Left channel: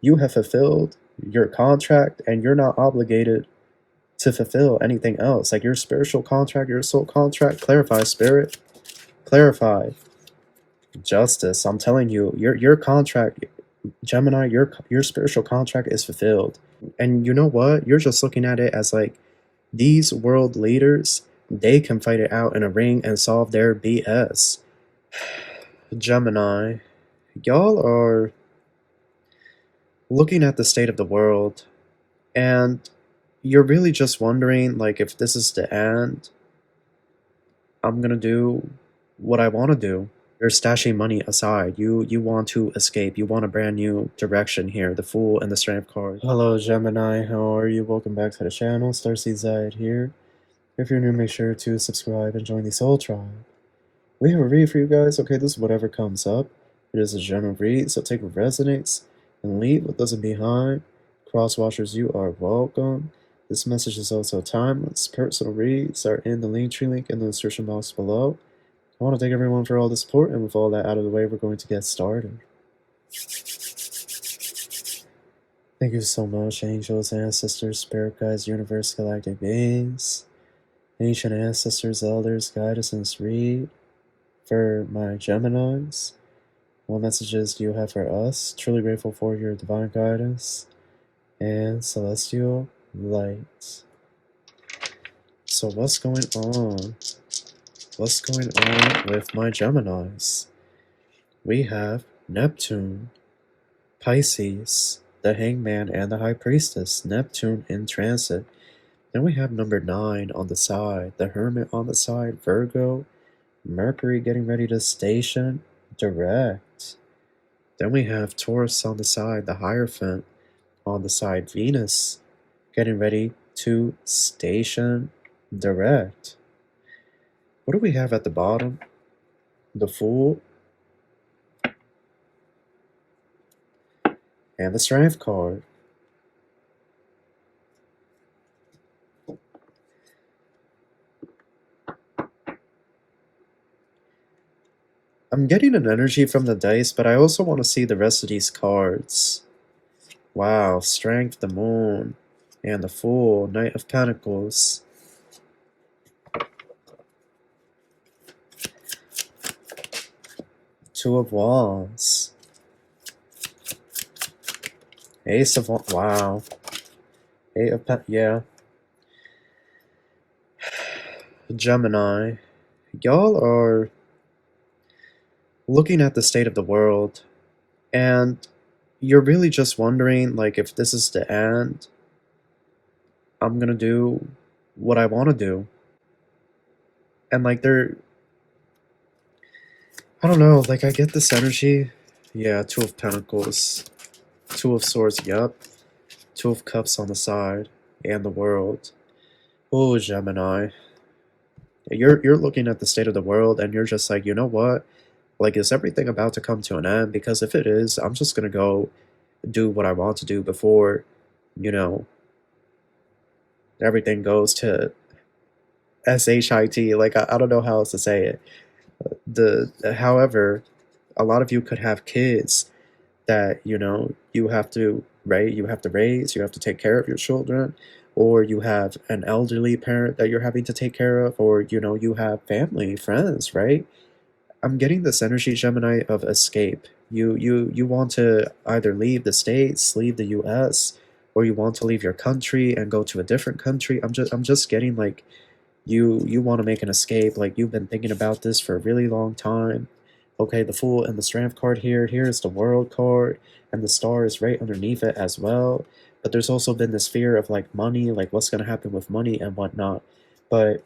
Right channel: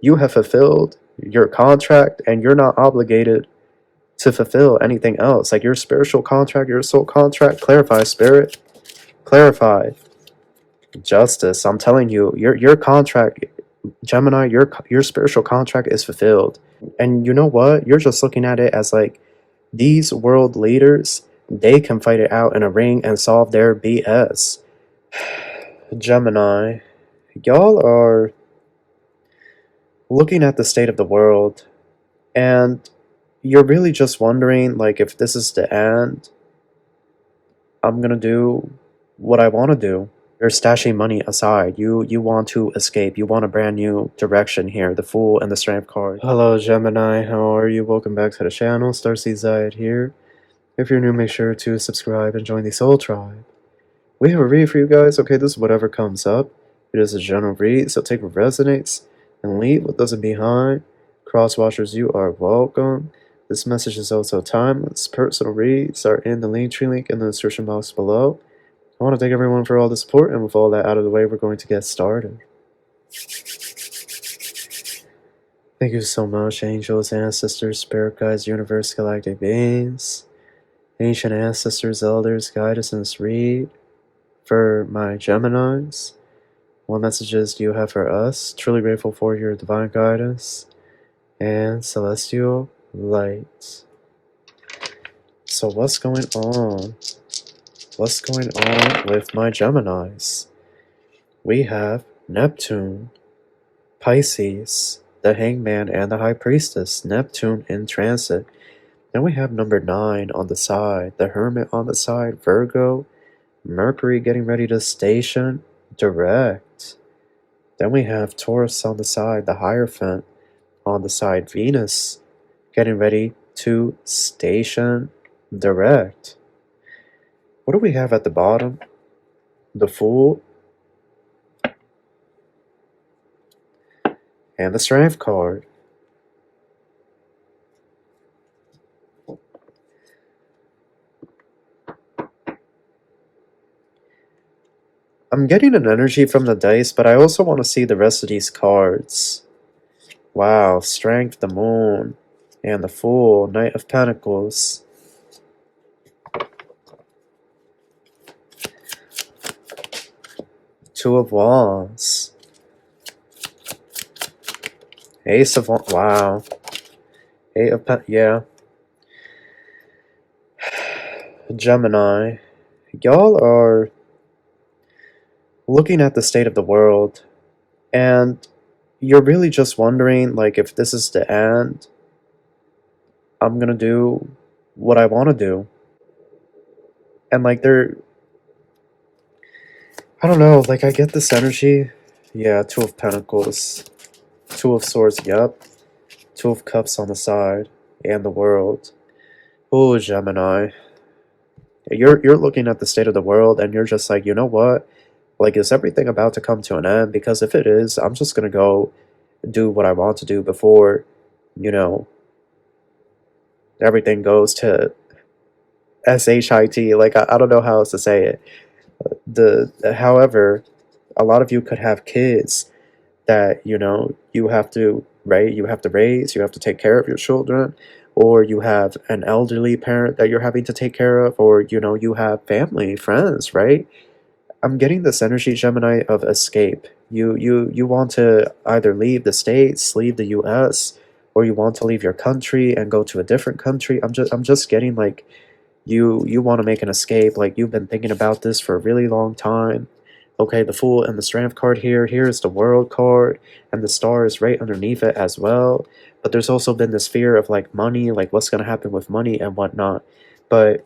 You have fulfilled your contract and you're not obligated to fulfill anything else. Like your spiritual contract, your soul contract. Clarify, spirit. Clarify. Justice. I'm telling you, your contract, Gemini, your spiritual contract is fulfilled. And you know what? You're just looking at it as like these world leaders, they can fight it out in a ring and solve their BS. Gemini, y'all are looking at the state of the world and you're really just wondering, like, if this is the end, I'm gonna do what I want to do. You're stashing money aside. You want to escape. You want a brand new direction here. The Fool and the Strength card. Hello, Gemini. How are you? Welcome back to the channel. Starseed Zayed here. If you're new, make sure to subscribe and join the Soul Tribe. We have a read for you guys. Okay, this is whatever comes up. It is a general read, so take what resonates and leave what doesn't behind. Crosswatchers, you are welcome. This message is also timeless. Personal reads are in the Linktree link in the description box below. I want to thank everyone for all the support, and with all that out of the way, we're going to get started. Thank you so much, angels, ancestors, spirit guides, universe, galactic beings, ancient ancestors, elders, guide us in this read. For my Geminis, what messages do you have for us? Truly grateful for your divine guidance and celestial light. So what's going on? What's going on with my Geminis? We have Neptune, Pisces, the Hangman, and the High Priestess. Neptune in transit. Then we have number 9 on the side, the Hermit on the side, Virgo, Mercury getting ready to station direct. Then we have Taurus on the side, the Hierophant on the side, Venus getting ready to station direct. What do we have at the bottom? The Fool and the Strength card. I'm getting an energy from the dice, but I also want to see the rest of these cards. Wow, Strength, the Moon, and the Fool, Knight of Pentacles. Two of Wands. Ace of Wands, wow. Eight of Pentacles, yeah. Gemini, y'all are looking at the state of the world, and you're really just wondering, like, if this is the end, I'm gonna do what I want to do. And, like, I don't know, like, I get this energy. Yeah, Two of Pentacles, Two of Swords, yep. Two of Cups on the side, and the World. Oh, Gemini. You're looking at the state of the world, and you're just like, you know what? Like, is everything about to come to an end? Because if it is, I'm just gonna go do what I want to do before, you know, everything goes to SHIT. Like, I don't know how else to say it. However, a lot of you could have kids that, you know, you have to, right? You have to raise, you have to take care of your children, or you have an elderly parent that you're having to take care of, or, you know, you have family, friends, right? I'm getting this energy, Gemini, of escape. You want to either leave the States, leave the US, or you want to leave your country and go to a different country. I'm just getting like you want to make an escape, like you've been thinking about this for a really long time. Okay, the Fool and the Strength card here. Here is the World card, and the Star is right underneath it as well. But there's also been this fear of like money, like what's gonna happen with money and whatnot. But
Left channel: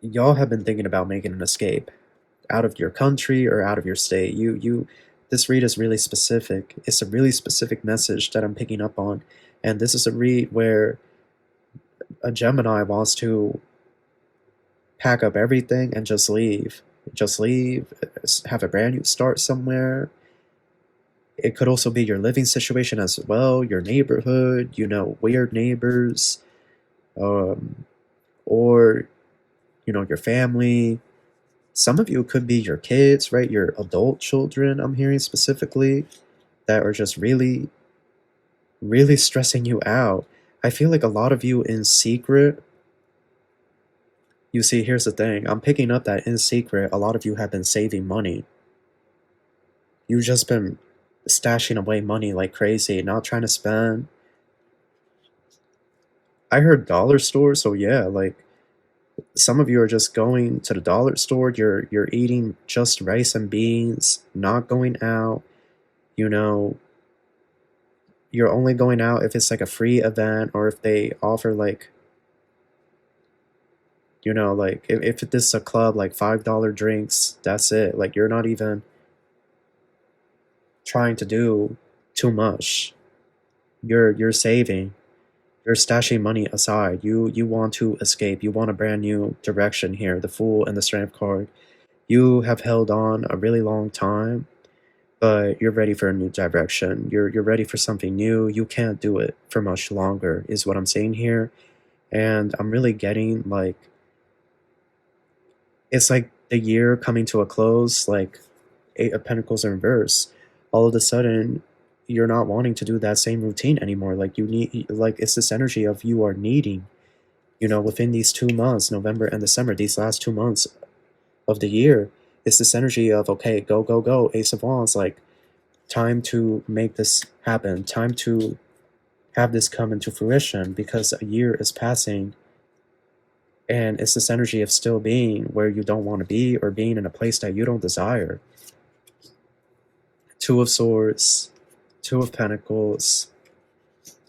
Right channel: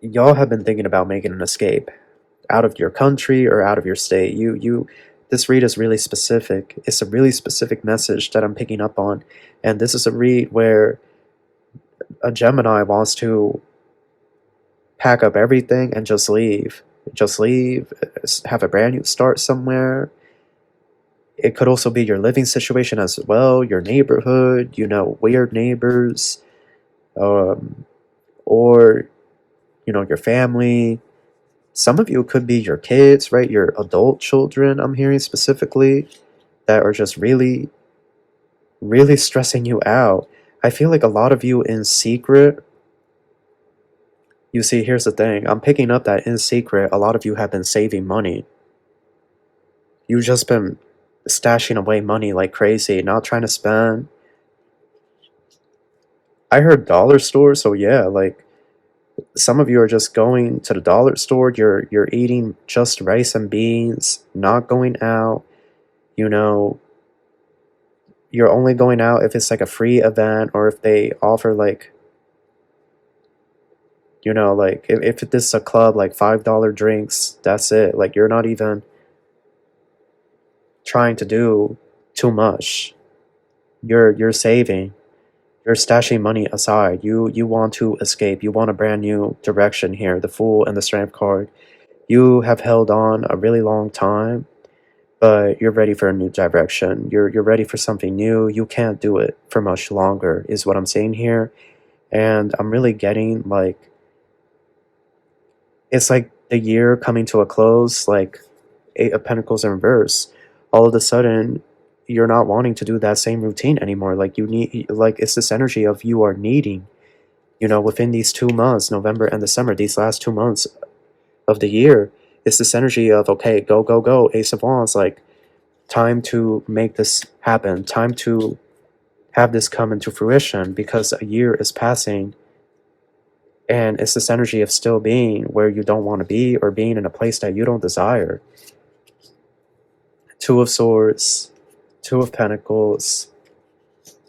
y'all have been thinking about making an escape out of your country or out of your state. This read is really specific. It's a really specific message that I'm picking up on. And this is a read where a Gemini wants to pack up everything and just leave. Just leave, have a brand new start somewhere. It could also be your living situation as well, your neighborhood, you know, weird neighbors, or, you know, your family. Some of you could be your kids, right? Your adult children, I'm hearing specifically. that are just really, really stressing you out. I feel like a lot of you in secret, you see, here's the thing. I'm picking up that in secret, a lot of you have been saving money. You've just been stashing away money like crazy, not trying to spend. I heard dollar store, so yeah, like some of you are just going to the dollar store. You're eating just rice and beans, not going out. You know, you're only going out if it's like a free event or if they offer like, you know, like if this is a club, like $5 drinks, that's it. Like you're not even trying to do too much. You're saving. You're stashing money aside. You want to escape. You want a brand new direction here. The Fool and the Strength card. You have held on a really long time, but you're ready for a new direction. You're ready for something new. You can't do it for much longer, is what I'm saying here. And I'm really getting like, it's like the year coming to a close, like Eight of Pentacles in reverse. All of a sudden, you're not wanting to do that same routine anymore. Like you need, like it's this energy of you are needing, you know, within these 2 months, November and December, these last 2 months of the year, it's this energy of, okay, go, go, go, Ace of Wands, like time to make this happen, time to have this come into fruition because a year is passing. And it's this energy of still being where you don't want to be or being in a place that you don't desire. Two of Swords, Two of Pentacles,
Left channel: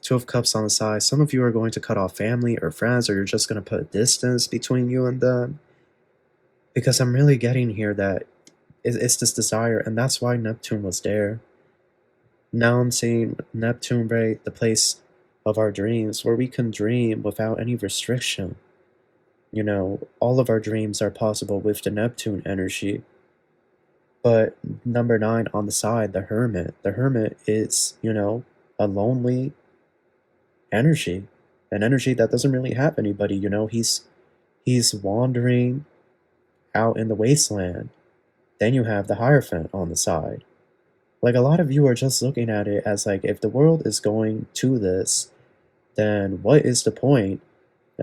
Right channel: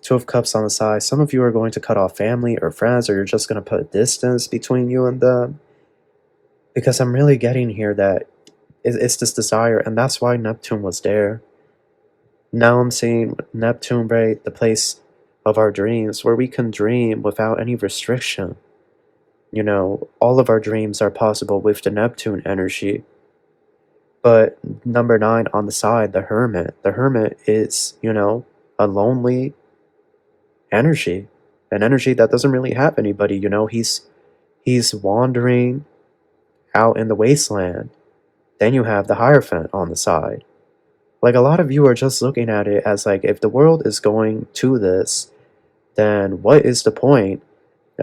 Two of Cups on the side. Some of you are going to cut off family or friends, or you're just going to put distance between you and them. Because I'm really getting here that it's this desire, and that's why Neptune was there. Now I'm seeing Neptune, right, the place of our dreams, where we can dream without any restriction. You know, all of our dreams are possible with the Neptune energy. But number 9 on the side, the Hermit. The Hermit is, you know, a lonely energy. An energy that doesn't really have anybody, you know. He's wandering out in the wasteland. Then you have the Hierophant on the side. Like, a lot of you are just looking at it as like, if the world is going to this, then what is the point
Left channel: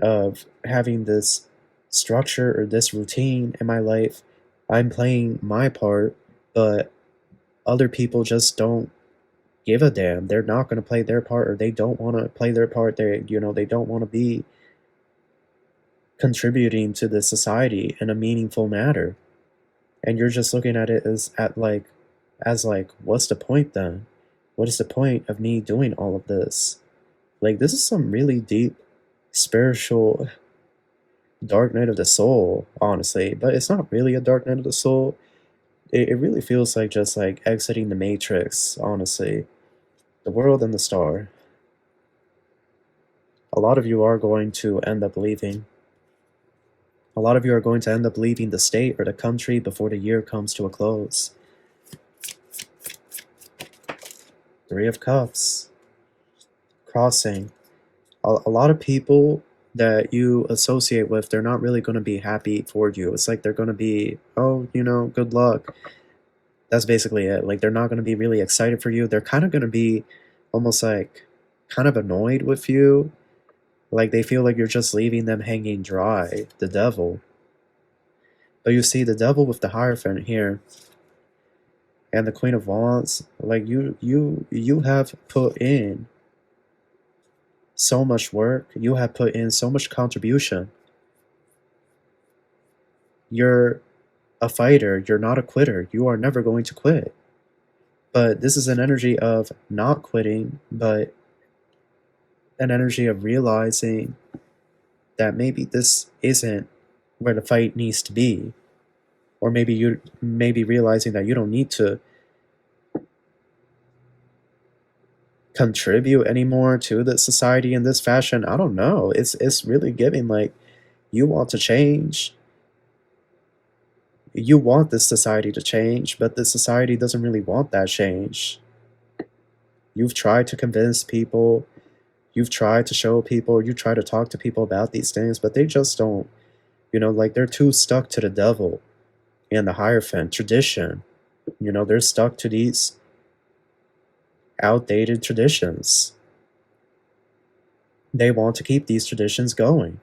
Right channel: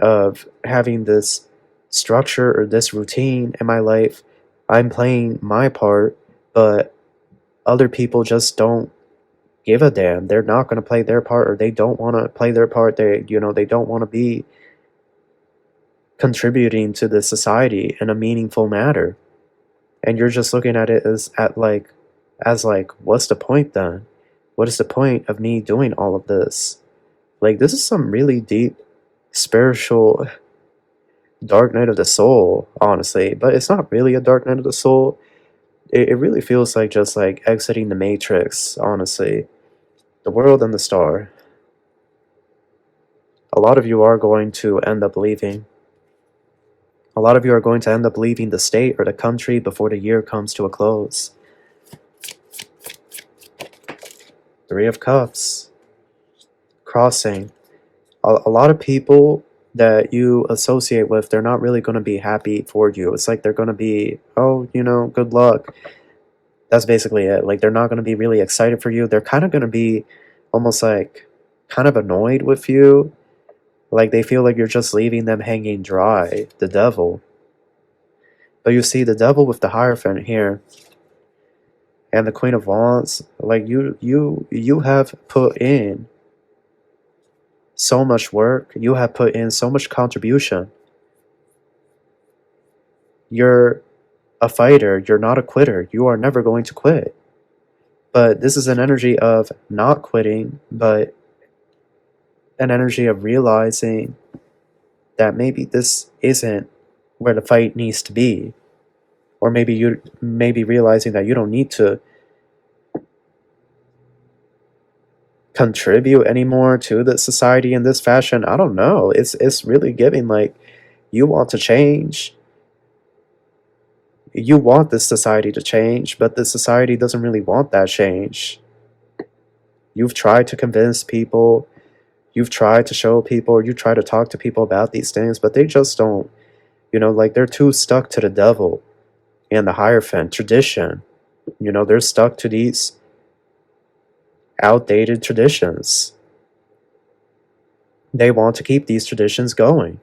of having this structure or this routine in my life? I'm playing my part, but other people just don't give a damn. They're not going to play their part, or they don't want to play their part. They, you know, they don't want to be contributing to the society in a meaningful manner. And you're just looking at it as like, what's the point then? What is the point of me doing all of this? Like, this is some really deep spiritual dark night of the soul, honestly. But it's not really a dark night of the soul. It really feels like just like exiting the Matrix, honestly. The world and the star. A lot of you are going to end up leaving. A lot of you are going to end up leaving the state or the country before the year comes to a close. Three of Cups. Crossing. A lot of people that you associate with, they're not really going to be happy for you. It's like they're going to be, oh, you know, good luck. That's basically it. Like, they're not going to be really excited for you. They're kind of going to be almost like kind of annoyed with you. Like, they feel like you're just leaving them hanging dry. The Devil. But you see, the Devil with the Hierophant here and the Queen of Wands, like, you have put in so much work. You have put in so much contribution. You're a fighter. You're not a quitter. You are never going to quit. But this is an energy of not quitting, but an energy of realizing that maybe this isn't where the fight needs to be. Or maybe you realizing that you don't need to contribute anymore to the society in this fashion. I don't know. It's really giving like you want to change. You want this society to change, but the society doesn't really want that change. You've tried to convince people, you've tried to show people, you try to talk to people about these things, but they just don't, you know, like they're too stuck to the Devil and the Hierophant tradition. You know, they're stuck to these outdated traditions. They want to keep these traditions going.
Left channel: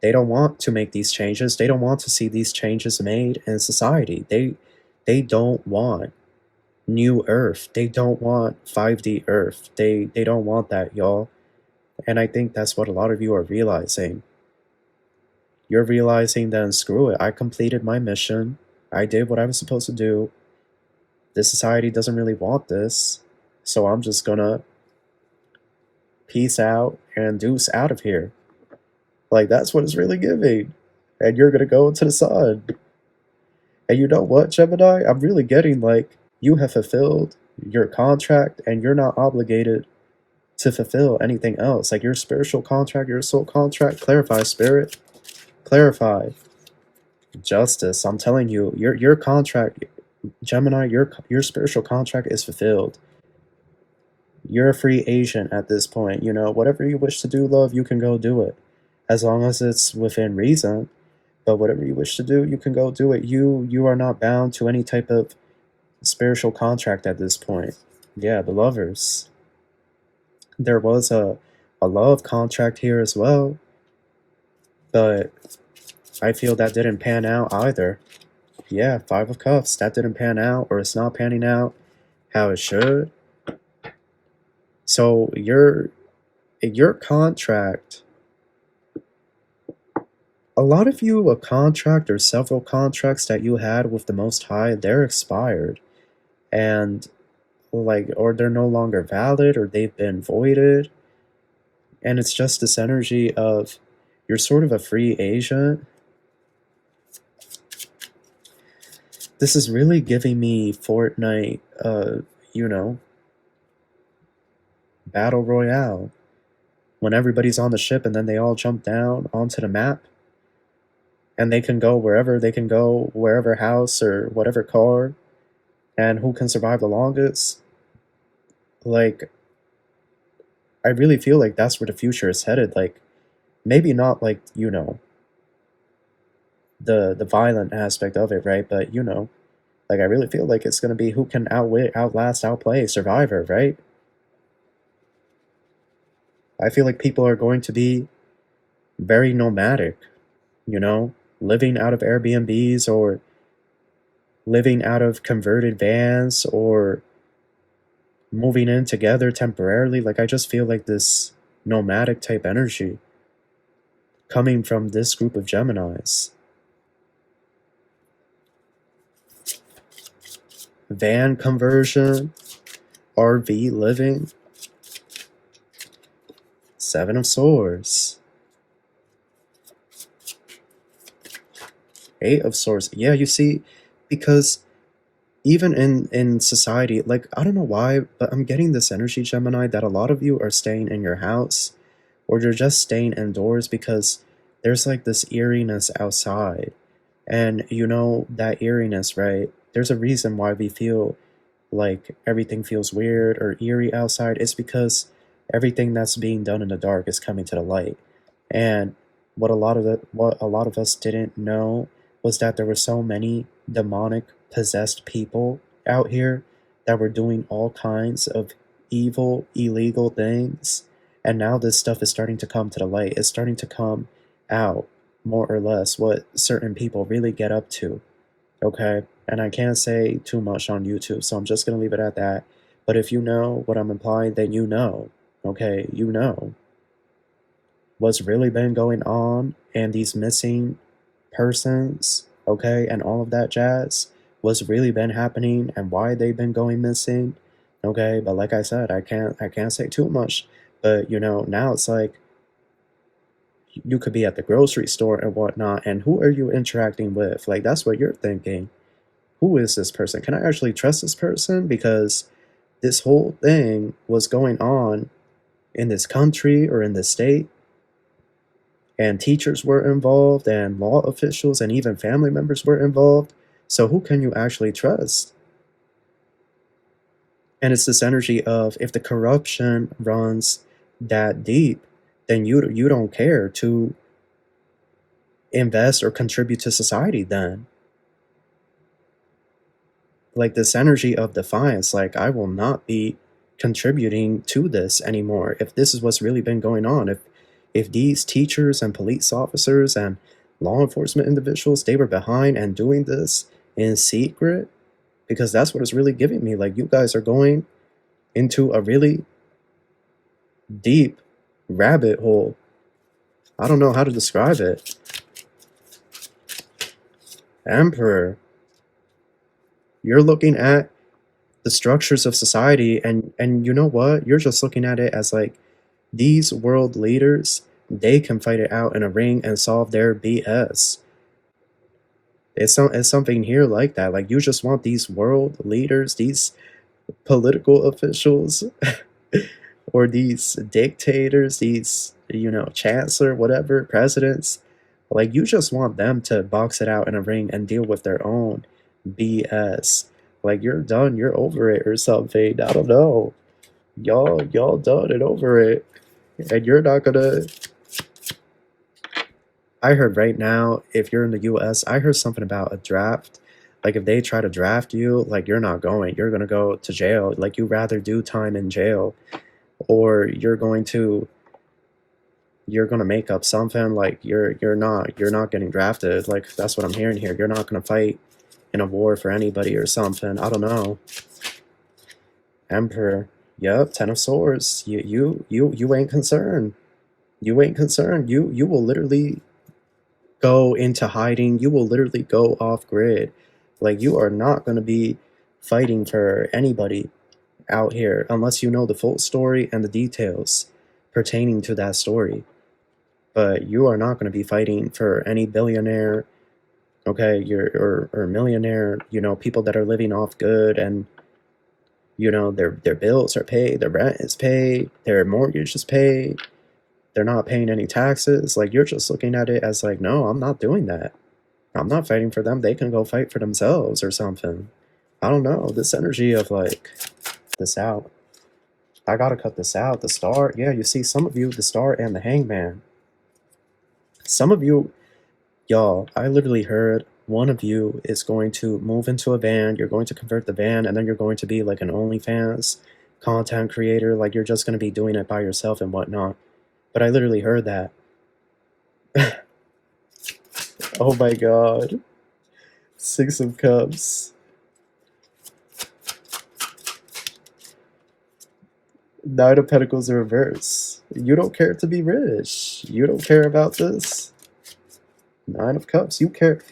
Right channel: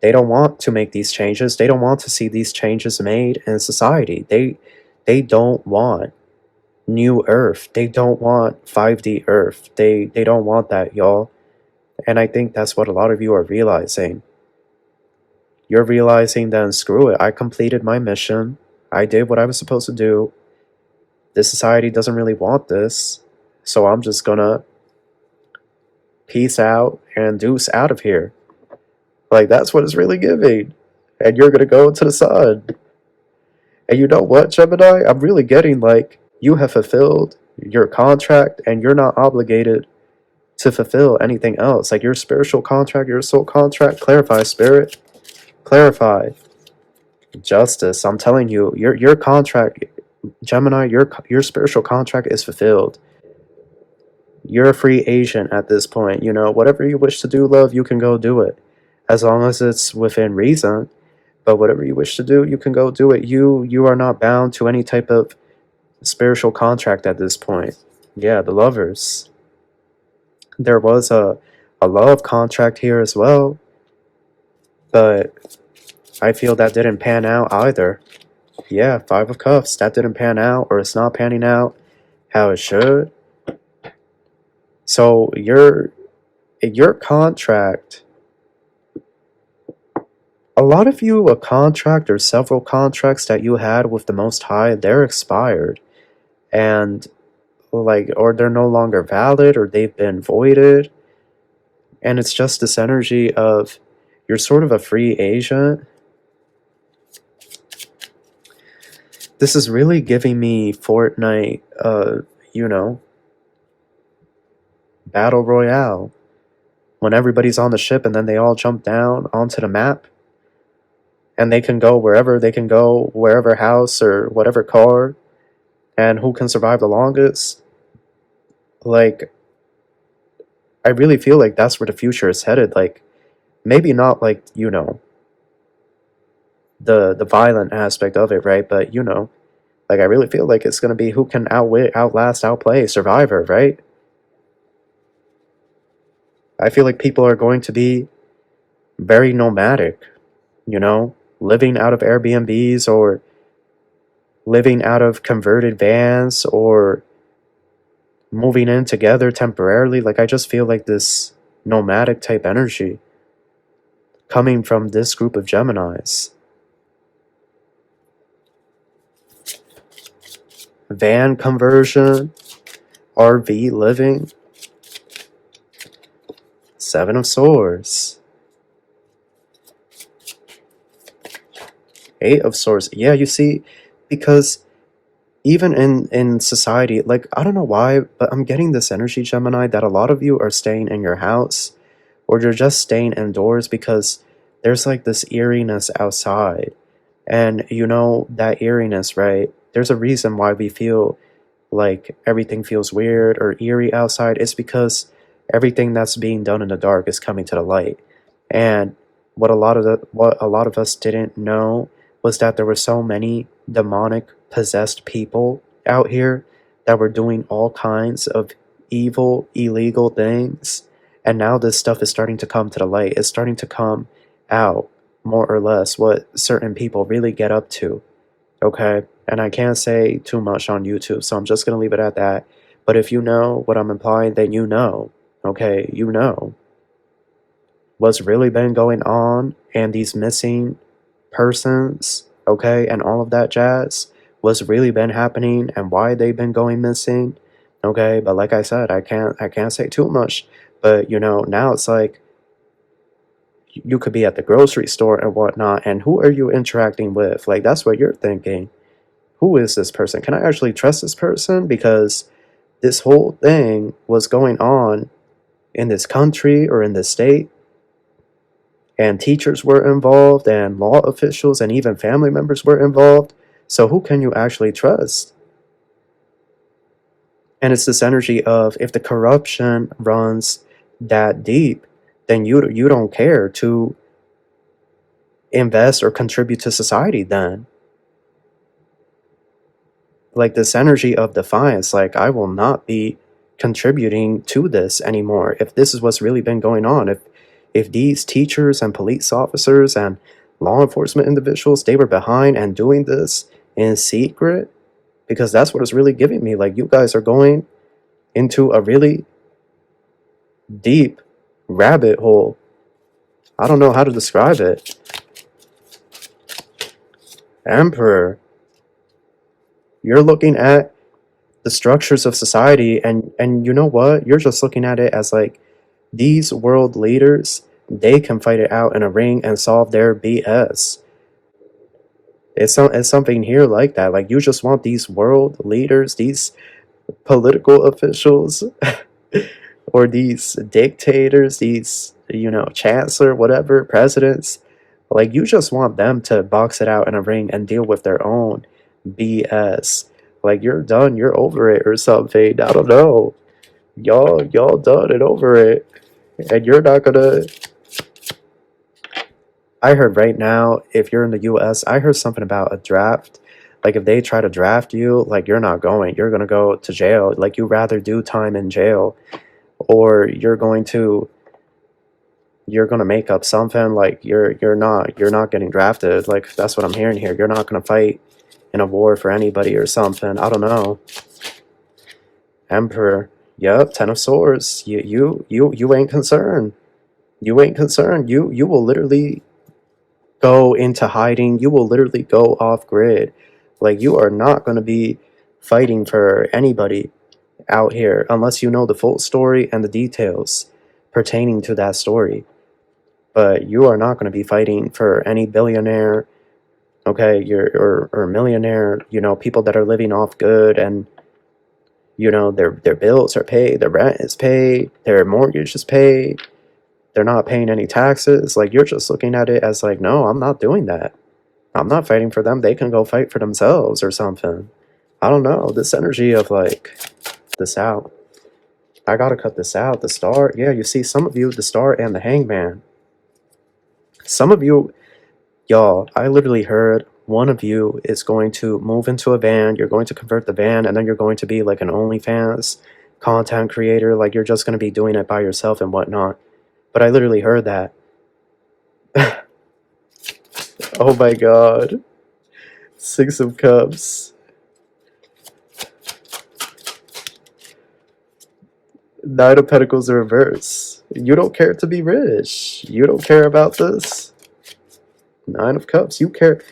They don't want to make these changes. They don't want to see these changes made in society. They don't want new Earth. They don't want 5D Earth. They don't want that, y'all. And I think that's what a lot of you are realizing. You're realizing then, screw it. I completed my mission. I did what I was supposed to do. This society doesn't really want this. So I'm just gonna peace out and deuce out of here. Like, that's what it's really giving. And you're gonna go into the sun. And you know what, Gemini? I'm really getting like, you have fulfilled your contract and you're not obligated to fulfill anything else. Like your spiritual contract, your soul contract. Clarify, spirit. Clarify. Justice. I'm telling you, your contract, Gemini, your spiritual contract is fulfilled. You're a free agent at this point. You know, whatever you wish to do, love, you can go do it. As long as it's within reason. But whatever you wish to do, you can go do it. You are not bound to any type of spiritual contract at this point. Yeah, the lovers. There was a love contract here as well. But I feel that didn't pan out either. Yeah, 5 of Cups. That didn't pan out, or it's not panning out how it should. So your contract, a lot of you, a contract or several contracts that you had with the Most High, they're expired. And like, or they're no longer valid, or they've been voided. And it's just this energy of you're sort of a free agent. This is really giving me Fortnite, you know, Battle Royale. When everybody's on the ship and then they all jump down onto the map. And they can go wherever, wherever house or whatever car. And who can survive the longest. Like, I really feel like that's where the future is headed. Like, maybe not like, you know, the violent aspect of it, right? But, you know, like, I really feel like it's going to be who can outwit, outlast, outplay, Survivor, right? I feel like people are going to be very nomadic, you know, living out of Airbnbs or living out of converted vans or moving in together temporarily. Like, I just feel like this nomadic type energy coming from this group of Geminis. Van conversion, RV living, 7 of Swords, 8 of Swords. Yeah, you see, because even in society, like, I don't know why, but I'm getting this energy, Gemini, that a lot of you are staying in your house, or you're just staying indoors because there's like this eeriness outside. And you know, that eeriness, right? There's a reason why we feel like everything feels weird or eerie outside. It's because everything that's being done in the dark is coming to the light. And what a lot of us didn't know was that there were so many demonic possessed people out here that were doing all kinds of evil, illegal things. And now this stuff is starting to come to the light. It's starting to come out, more or less, what certain people really get up to. Okay? And I can't say too much on YouTube, so I'm just going to leave it at that. But if you know what I'm implying, then you know. Okay? You know what's really been going on, and these missing persons, okay, and all of that jazz, what's really been happening and why they've been going missing. Okay? But like I said, I can't say too much. But you know, now it's like you could be at the grocery store and whatnot, and who are you interacting with? Like, that's what you're thinking. Who is this person? Can I actually trust this person? Because this whole thing was going on in this country or in this state, and teachers were involved, and law officials, and even family members were involved. So who can you actually trust? And it's this energy of, if the corruption runs that deep, then you don't care to invest or contribute to society then. Like, this energy of defiance, like, I will not be contributing to this anymore. If this is what's really been going on, if these teachers and police officers and law enforcement individuals, they were behind and doing this in secret, because that's what it's really giving me. Like, you guys are going into a really deep rabbit hole. I don't know how to describe it. Emperor. You're looking at the structures of society, and you know what? You're just looking at it as like, these world leaders, they can fight it out in a ring and solve their BS. It's something here like that. Like, you just want these world leaders, these political officials, or these dictators, these, you know, chancellor, whatever, presidents. Like, you just want them to box it out in a ring and deal with their own BS. Like, you're done, you're over it or something. I don't know. Y'all done and over it. And you're not gonna... I heard right now, if you're in the US, I heard something about a draft. Like, if they try to draft you, like, you're not going. You're gonna go to jail. Like, you rather do time in jail, or you're gonna make up something. Like, you're not getting drafted. Like, that's what I'm hearing here. You're not gonna fight in a war for anybody or something. I don't know. Emperor. Yep, Ten of Swords. You ain't concerned. You ain't concerned. You will literally go into hiding. You will literally go off grid. Like, you are not going to be fighting for anybody out here unless you know the full story and the details pertaining to that story. But you are not going to be fighting for any billionaire, okay, or millionaire, you know, people that are living off good, and you know, their bills are paid, their rent is paid, their mortgage is paid, they're not paying any taxes. Like, you're just looking at it as like, no, I'm not doing that. I'm not fighting for them. They can go fight for themselves or something. I don't know. This energy of like, this out. I gotta cut this out. The Star. Yeah, you see, some of you, the Star and the Hangman. Some of you, y'all, I literally heard one of you is going to move into a van. You're going to convert the van, and then you're going to be like an OnlyFans content creator. Like, you're just going to be doing it by yourself and whatnot. But I literally heard that. Oh my god. Six of Cups. Nine of Pentacles in reverse. You don't care to be rich. You don't care about this. Nine of Cups. You care.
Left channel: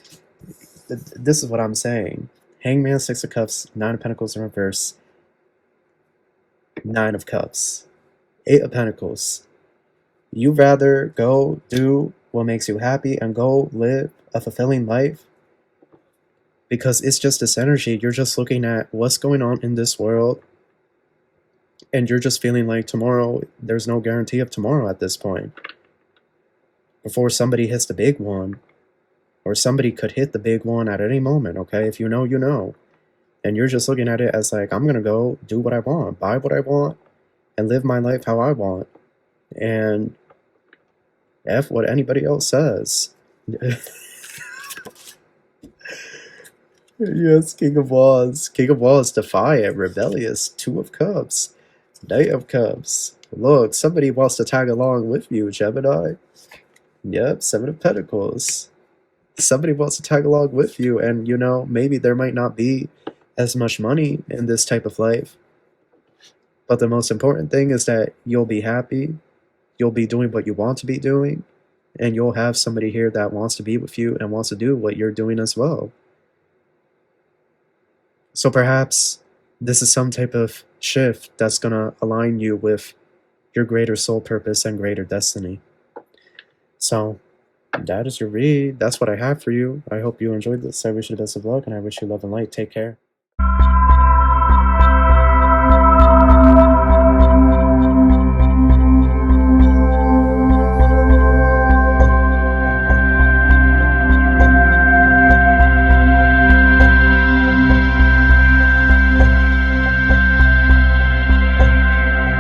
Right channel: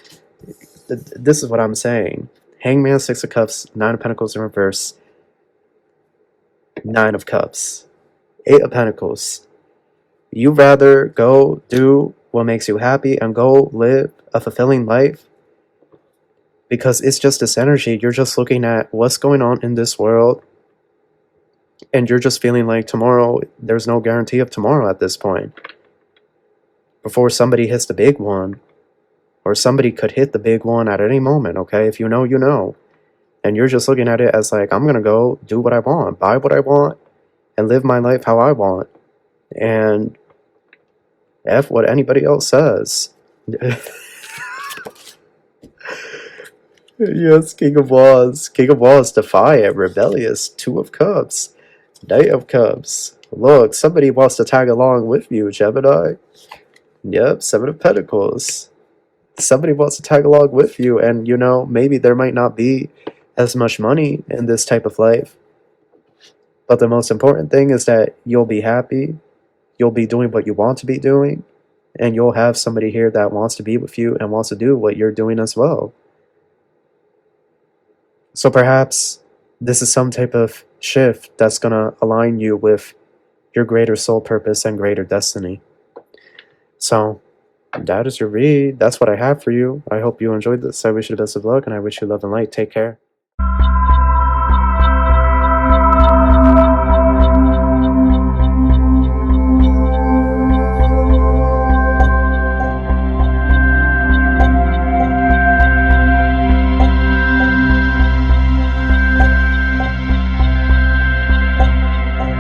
This is what I'm saying. Hangman, Six of Cups, Nine of Pentacles in reverse. Nine of Cups. Eight of Pentacles. You rather go do what makes you happy and go live a fulfilling life, because it's just this energy. You're just looking at what's going on in this world, and you're just feeling like tomorrow, there's no guarantee of tomorrow at this point. Before somebody hits the big one, or somebody could hit the big one at any moment, okay? If you know, you know. And you're just looking at it as like, I'm gonna go do what I want, buy what I want, and live my life how I want. And F what anybody else says. Yes, King of Wands. King of Wands, defiant, rebellious, Two of Cups, Knight of Cups. Look, somebody wants to tag along with you, Gemini. Yep, Seven of Pentacles. Somebody wants to tag along with you, and you know, maybe there might not be as much money in this type of life, but the most important thing is that you'll be happy, you'll be doing what you want to be doing, and you'll have somebody here that wants to be with you and wants to do what you're doing as well. So perhaps this is some type of shift that's going to align you with your greater soul purpose and greater destiny. So that is your read. That's what I have for you. I hope you enjoyed this. I wish you the best of luck, and I wish you love and light. Take care.